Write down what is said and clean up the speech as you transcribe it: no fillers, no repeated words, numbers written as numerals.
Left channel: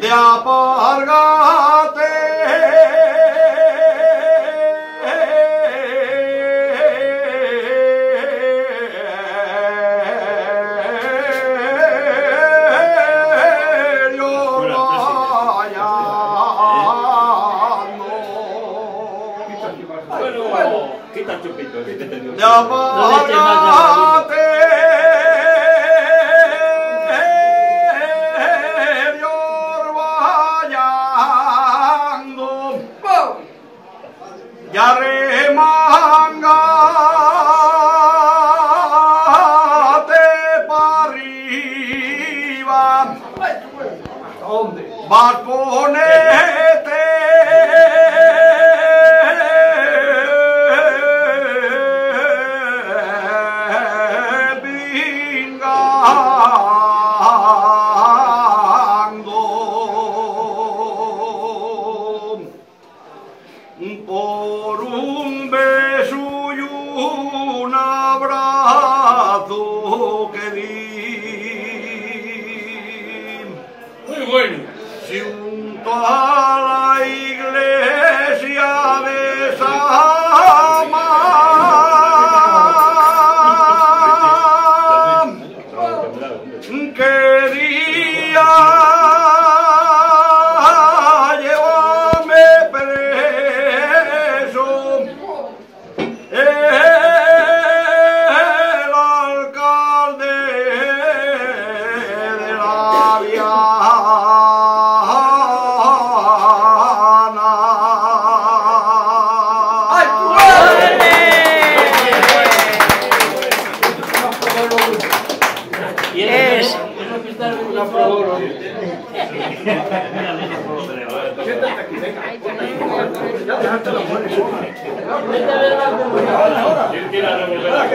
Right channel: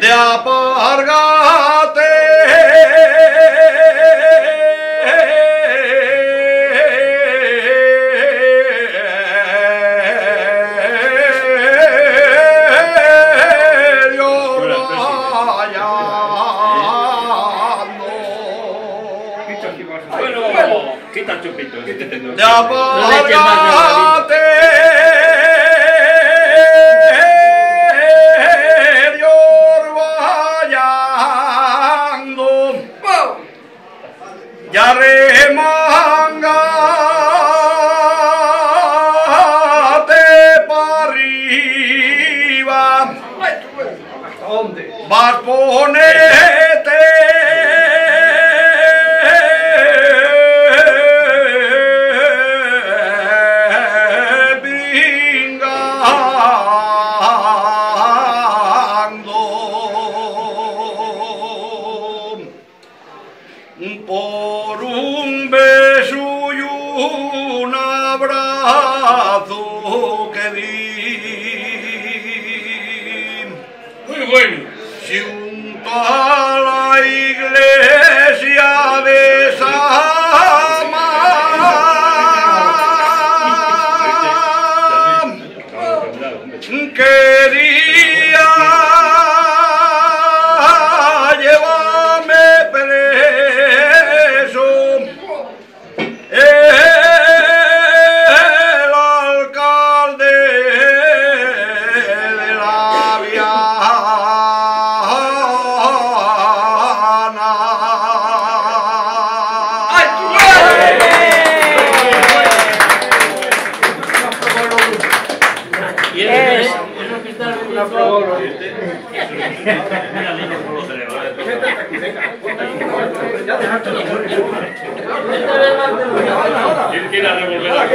De apárgate Bueno, quita el chupito. De apárgate ya remangate para arriba, vas ponete por un beso y un abrazo que di. Muy bueno. Si junto a la iglesia de Sama quería una prueba. Quiere revolver la